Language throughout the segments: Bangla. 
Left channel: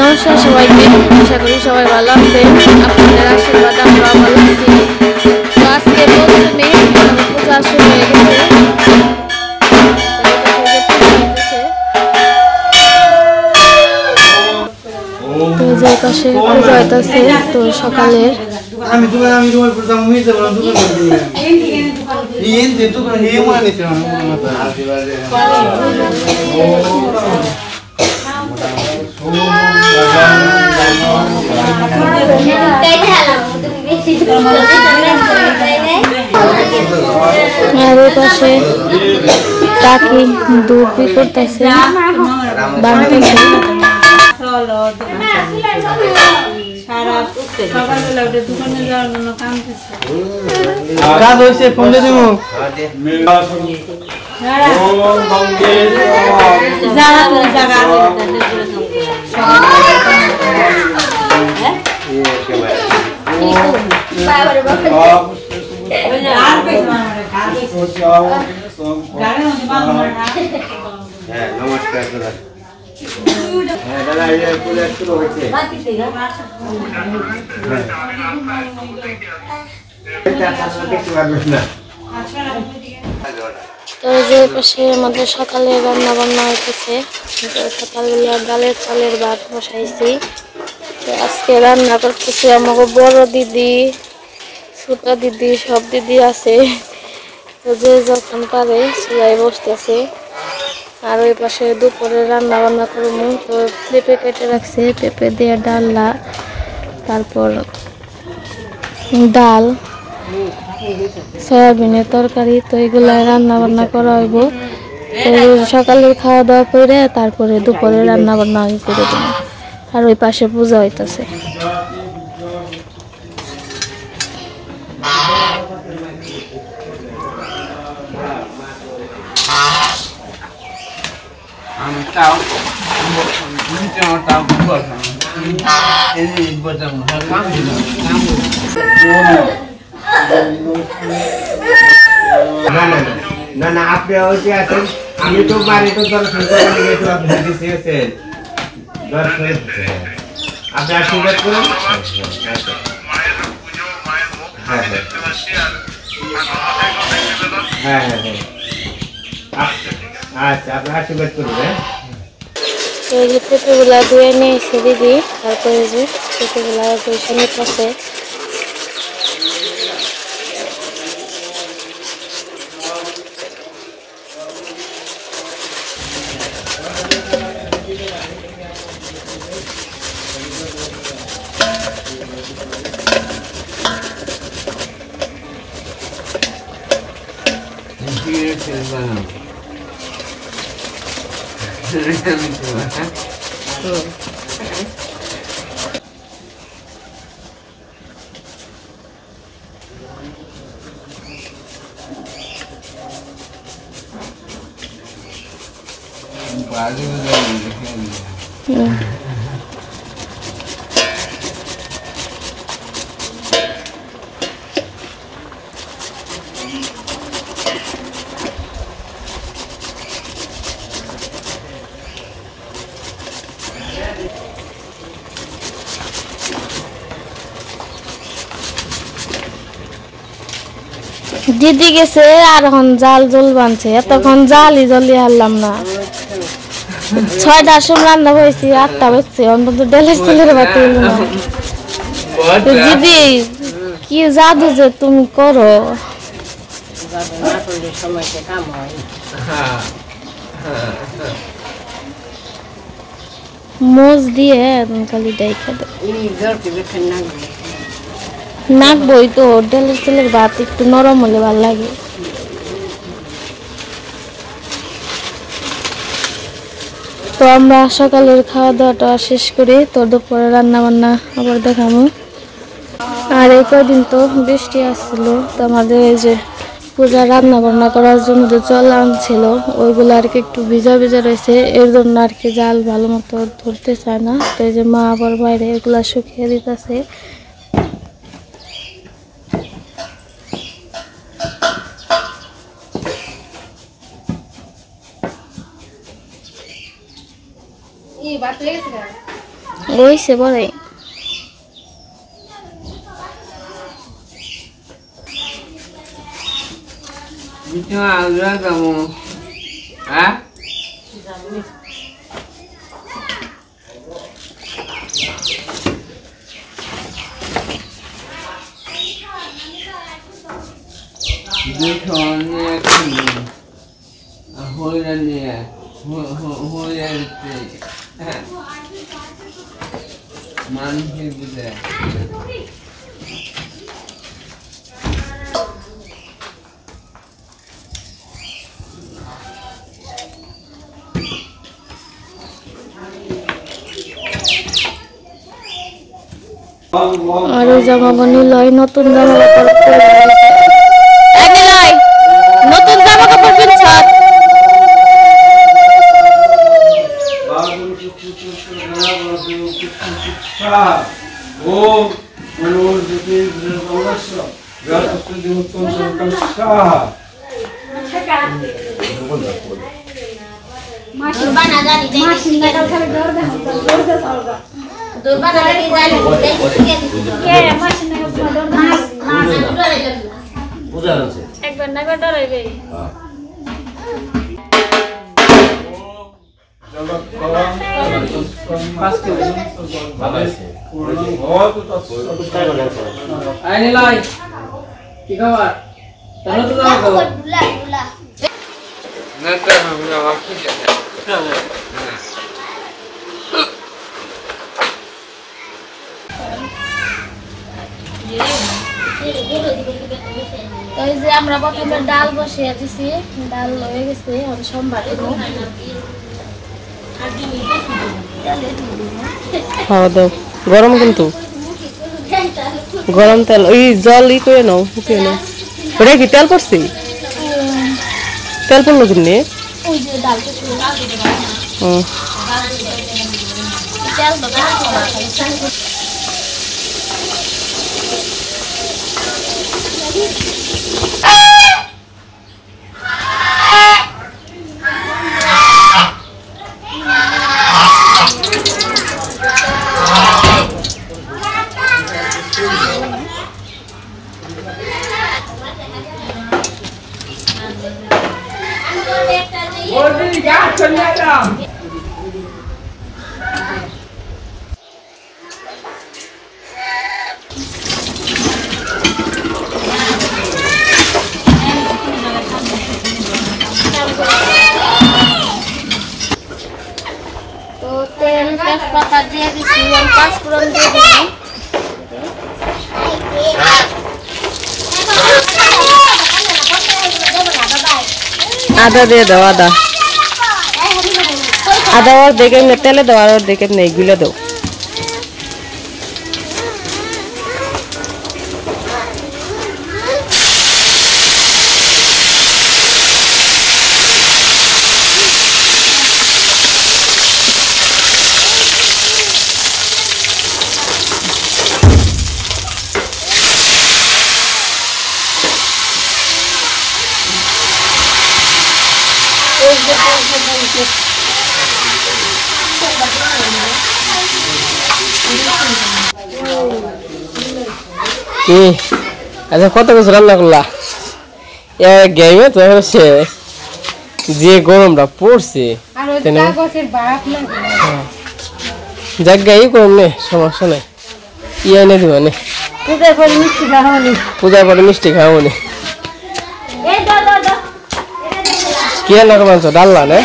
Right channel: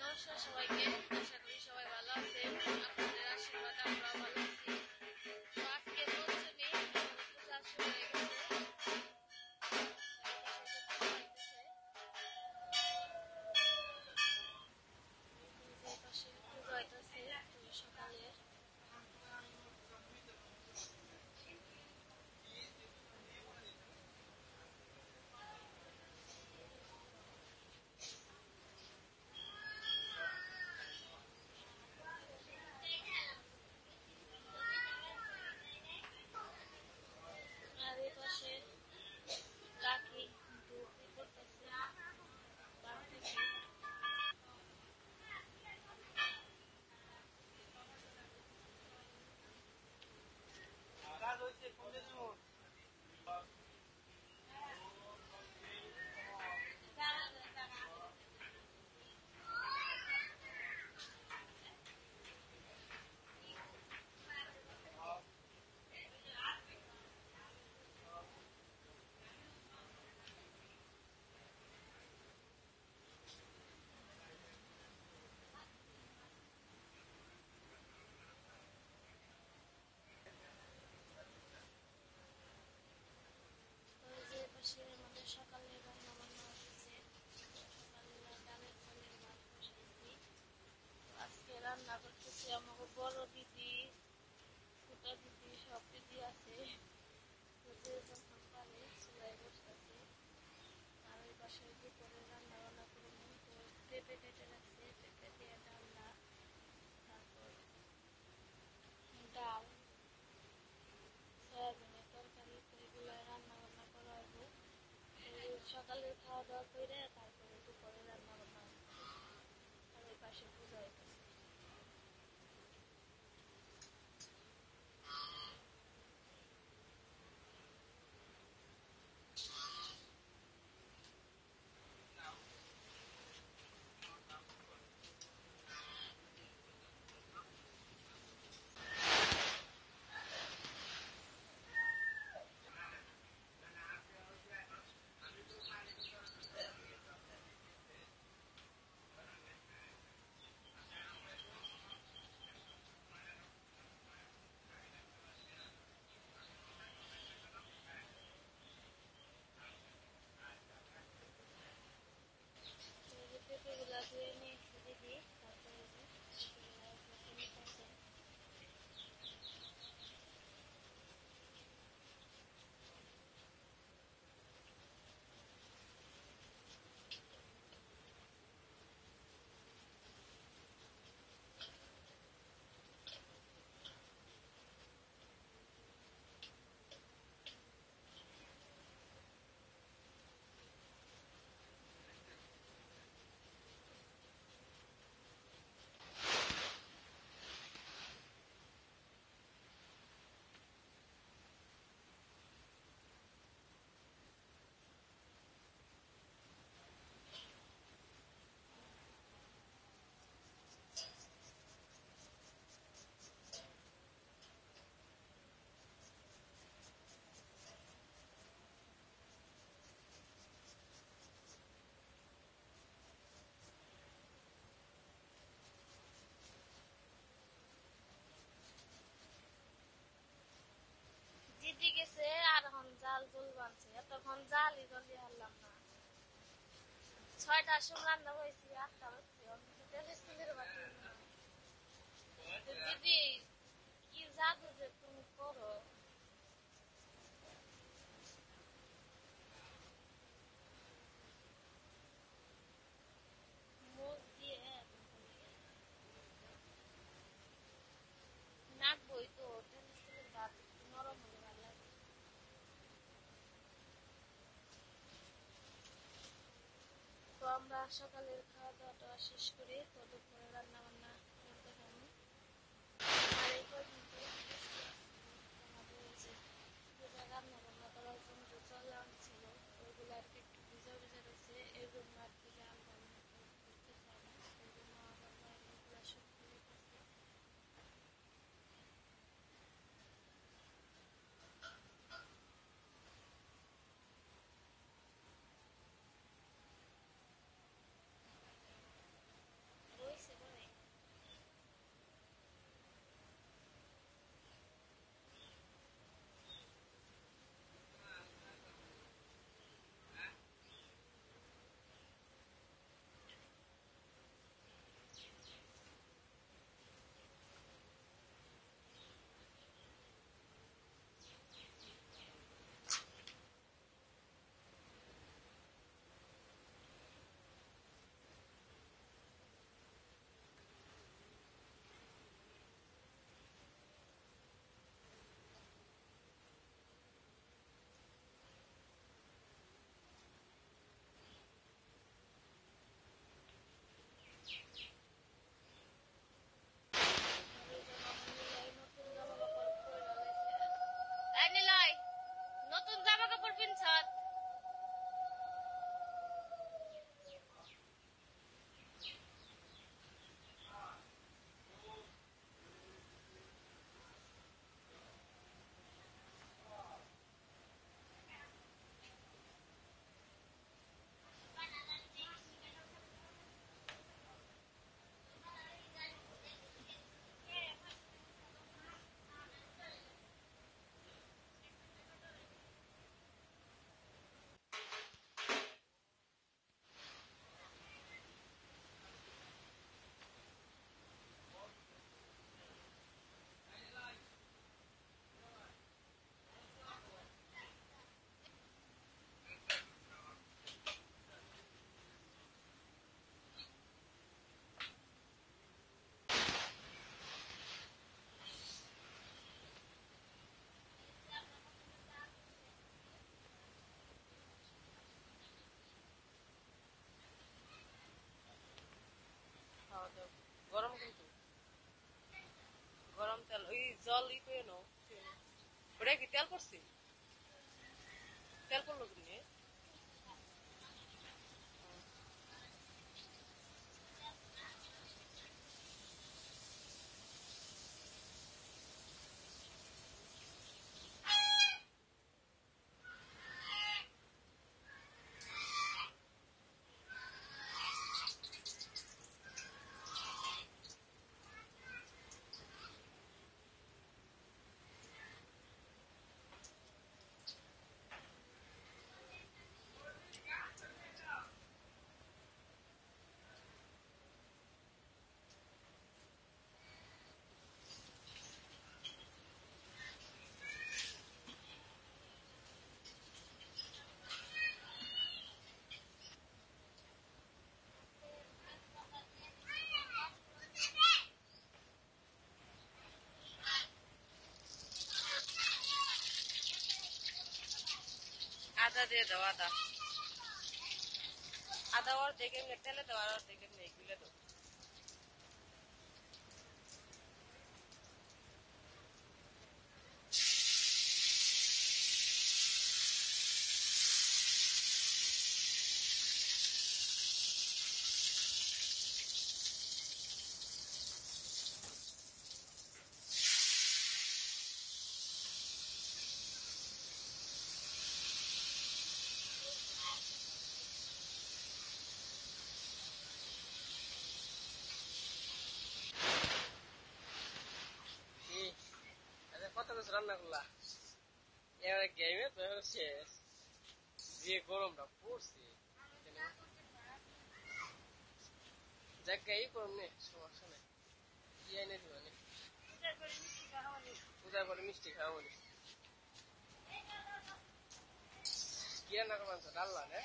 নমস্কার সবাইকে, আশা করি সবাই ভালো আছেন। আপনাদের আশীর্বাদ আমরা ভালো আছি। তো আজকে প্রথমে পূজা শুরু হয়ে গেছে। তো যে পাশে পূজা হইতেছে, তো সকালের আর ওই পাশে কাকি দুধ বি করতেছে, বানাইতেছে। কাজ হয়েছে ফোন দিয়ে দেবো। নমস্কার দাদা, শুরু হয়েছে। তো যে পাশে আমাদের সকালে রান্না বান্না হইতেছে। সকালবেলা ডালের চালের ভাত বসাইছি। তো আজকে রান্না করতেছি আমাকে বড় দিদি, ছোট দিদি, সব দিদি আছে। তো যে যখন পারে চুলায় বসতেছে। আর ওই পাশে দুপুরে রান্না বান্না করবো। তো পেঁপে কেটে রাখছে, পেঁপে দিয়ে ডালনা, তারপর ডাল, সয়াবিনের তরকারি। তো এগুলা রান্না বান্না করা হইব। তো সকালে খাওয়া দাওয়া করে তারপরে দুপুরে রান্না বান্না করে দেবো। আর ওই পাশে পূজা হইতেছে। না না, আপনি ওইটি আছেন ইউটিউব বাড়ি তো দর্শন করেন, ইউটিউব আপনি দিয়েছেন দর্শন, আপনি আশীর্বাদ করুন। হ্যাঁ হ্যাঁ হ্যাঁ হ্যাঁ হ্যাঁ, আচ্ছা আপনি আশীর্বাদ করুন। হ্যাঁ, এই যে পেঁপেগুলা ধুয়ে নিয়েছে দিদি, তারপরে যে পেঁপেগুলা পয়সা নিতেছে। দিদি গেছে আর এখন জাল জল বানছে, এতক্ষণ জালই জলি হারলাম না। 6টার সময় রান্না হয়েছি, 8টা বাজছে, অন্তত ডেলের তেলের বাতি হলো না। দিদি কি জাদু যে তুমি করো, মোজ দিয়ে খালি ডাইখা দে নাকবই তো। ডেলের তেলের ভাত একটু নরম হলে ভালো লাগে। তো আমরা সকালের খাওয়া দাওয়াটা শেষ করি। তো দুপুরে রান্না বান্না আবার দেখাবো। আর এই কদিন তো বৃষ্টি আসছিল, তো আমাদের এই যে পূজা রান্না বান্না করার জন্য যে জল আনছিল ওইগুলো আর কি একটু ভিজা ভিজা রয়েছে, এর জন্য আর কি জাল ভালো মতো ধরতে চায় না। তো এই যে মা আবার বাইরে এগুলা শুকিয়ে দিতেছে। হইছে বড়াই Itu ada kamu. Hah? Dekornya kamu. Ahorannya. Ahorannya. Manhil bude. আর জামা বানি লয় নতুন জামা কাপড় পরে আগে লয় নতুন জামা কাপড় পিনছাত ও মনোর দিকে অবশ্য গাছকে দিউত্তম সরকার শাহ দুর্বানা জানি মাসিন না খালি দর দে সালগা দুর্বানা লাগি জানি কে মাসিন না দর মাস বুঝা আছে একবার না একবার ডরাইবে Ayo nilai. Tiga war. Tahu tu dah kau. বুলা বুলা Nanti kami nak waktu je. তো এই যে আমরা প্রথমে ডাল বসিয়ে দিছি ডাল হয়ে গেছে আর সোমবার দেবো খাওয়া দাও গরম কিন্তু গরম তেল ওই জল ই করে নাও ফুটিয়ে নাও ওটা কি তেল পড়ছি তেল পড়লো কিনে ওই যে ডাল তেল তো তো তেল তেজপাতা দিয়ে দিছি আর পাঁচফোড়ন দিয়ে দিছি আদা দিয়ে দাও আদা আদা আর দেখে তেলে দাও আর দেখে নেই গুলে দাও কি আচ্ছা কত কিছু রান্না করলা গেমে তো হচ্ছে যে গরমটা পড়ছে জায়গায় করুন নে সমস্যা নাই ইয়ে এনে দিব নে পূজার পরে মিষ্টি খাওয়া নে কি রান্না করছো ডাল্লা না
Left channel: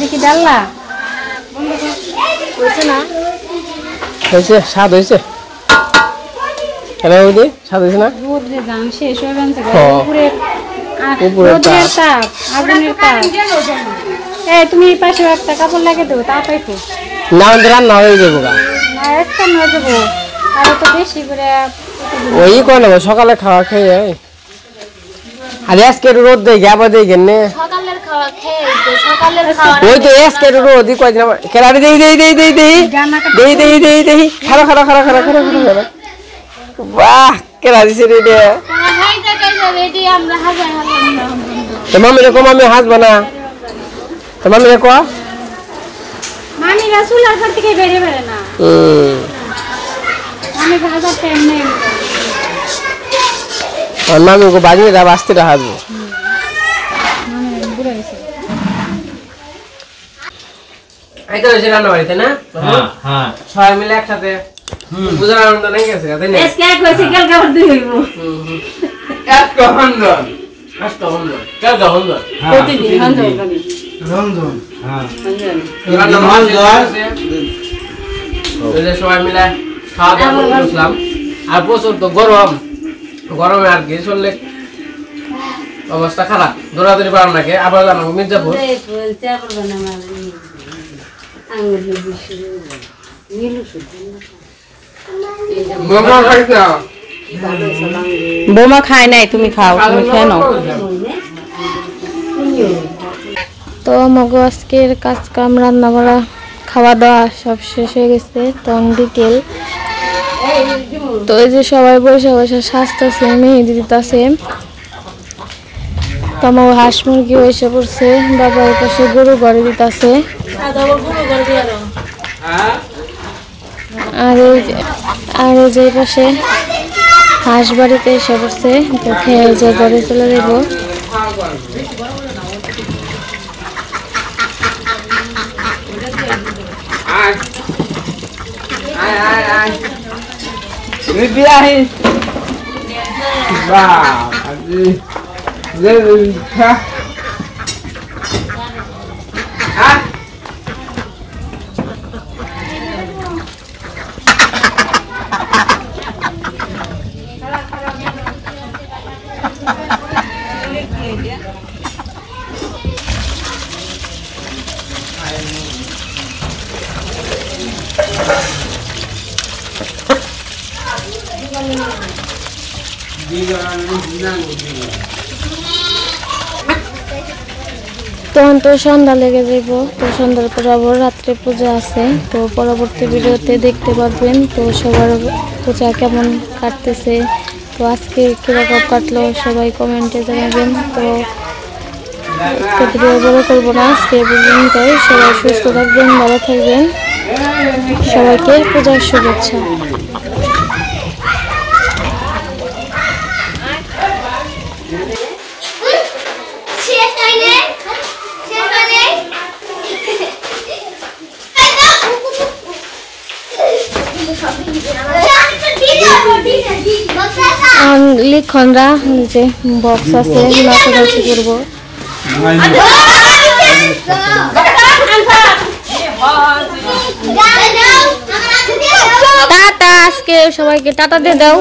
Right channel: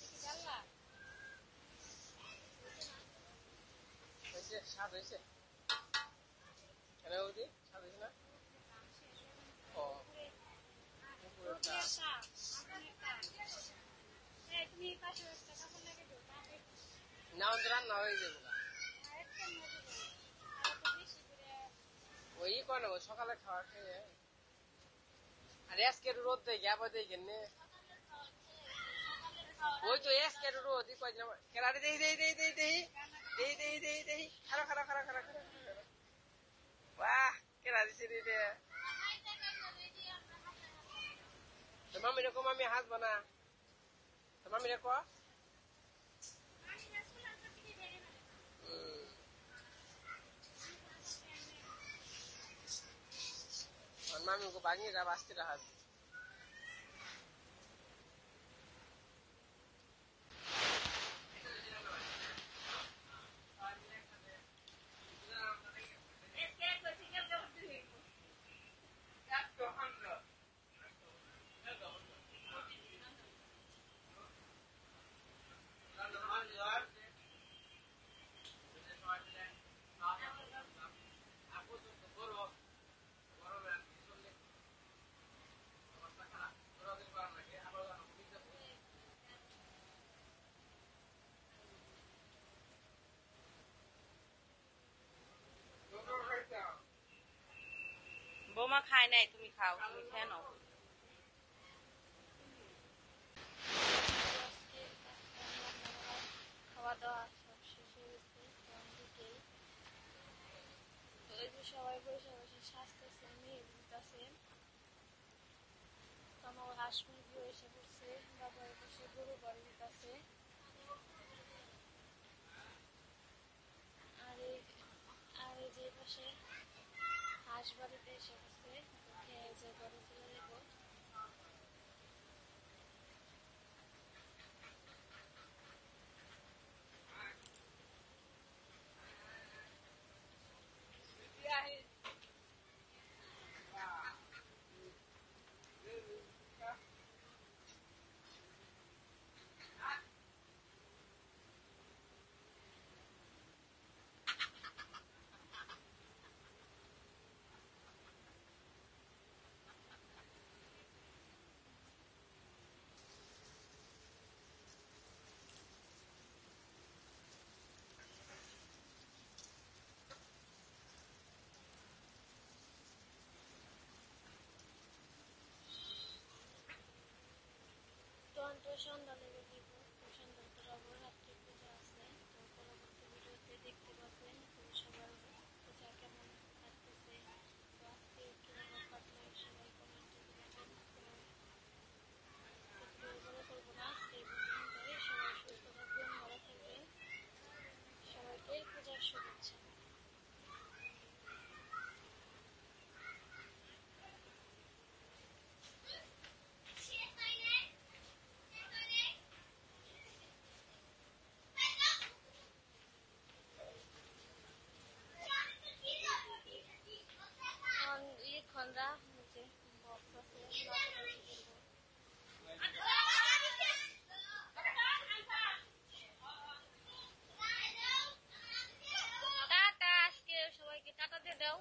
দেখি ডাল্লা হয়েছে না হয়েছে স্বাদ হয়েছে কেন বৌদি স্বাদ হয়েছে না শেষ হয়ে গেছে উপরে তাপ আগুনের তাপ এই তুমি পাশে একটা কাপড় লাগিয়ে দেবো তা পাইতো না রান্না হয়ে যাবো গা না একটা নয় দেবো আর তো বেশি করে ওই করে নেবো সকালে খাওয়া খেয়ে আর আজকে রোদ দেয় আবার দেয় কেনে সকালের খাওয়া খেয়ে সকালের খাওয়া ওই তো আজকে রোদ কয়দিন আবার কেরারে দেই দেই দেই দেই দেই দেই দেই দেই দেই খারা খারা খারা খারা খারা খারা বাহ কেরা দিছে রে তারা খাইতে খাইতে রেডি আমরা হাজার হাজার তো মামি রে কো মামি হাসবা না তো মামি রে কো মামি রাসূল আর ঘর থেকে বেরে বেরে না আমি বাজার টাইম নেই আর মামি কো বাজি রা বাস্তে রা হাসবো আইতো এসে রান্না বাড়িতে না হ্যাঁ হ্যাঁ সবাই মিলে একসাথে বুঝার আনন্দ নাই গেছে তাই না এসকে কইছে কাল কাল দুই হইব এক গহন্দ কষ্ট হন্দ কাল গহন্দ প্রতিদিন হন্দ করি রমজান হ্যাঁ রান্না বাড়ি ওই সবাই মিলে খাওয়া দাওয়া করে বসলাম আর প্রচুর তো গরম গরমে আর কি চললে অবস্থা খারাপ দৌড়াদৌড়ি পারাম নাকি আবার জানাবো মির্জাপুর বোমা খায় নাই তুমি খাও তুমি খেয়ে নাও তো আমাকে আজকের কাজ কাম রান্না বাড়া খাওয়া দাওয়া সব শেষ হয়ে গেছে তখন বিকেল তো এই যে সবাই বসে বসে সাজতেছে মেহেদি দিতেছে তো আমার হাঁস মুরগি এসে পড়ছে বাবা ওই পাশে গরু ঘরে দিতেছে আর এই যে পাশে হাঁস বাড়িতে এসে পড়ছে তো খেয়ে যে ঘরে চলে যাব তখন তো সন্ধ্যা লেগে যাইব তো সন্ধ্যার পর আবার রাত্রে পূজা আছে তো পরবর্তী ভিডিওতে দেখতে পারবেন তো সবার পূজা কেমন কাটতেছে তো আজকে কিরকম কাটলো সবাই কমেন্টে জানাবেন তো ভিডিও বড় করবো না আজকে পর্যন্তই সবাই সুস্থ থাকবেন ভালো থাকবেন সবাইকে পূজার শুভেচ্ছা লিখনরা যে বক্স আছে নাচানাচি করবো টাটা আজকে সবাইকে টাটা দিয়ে দাও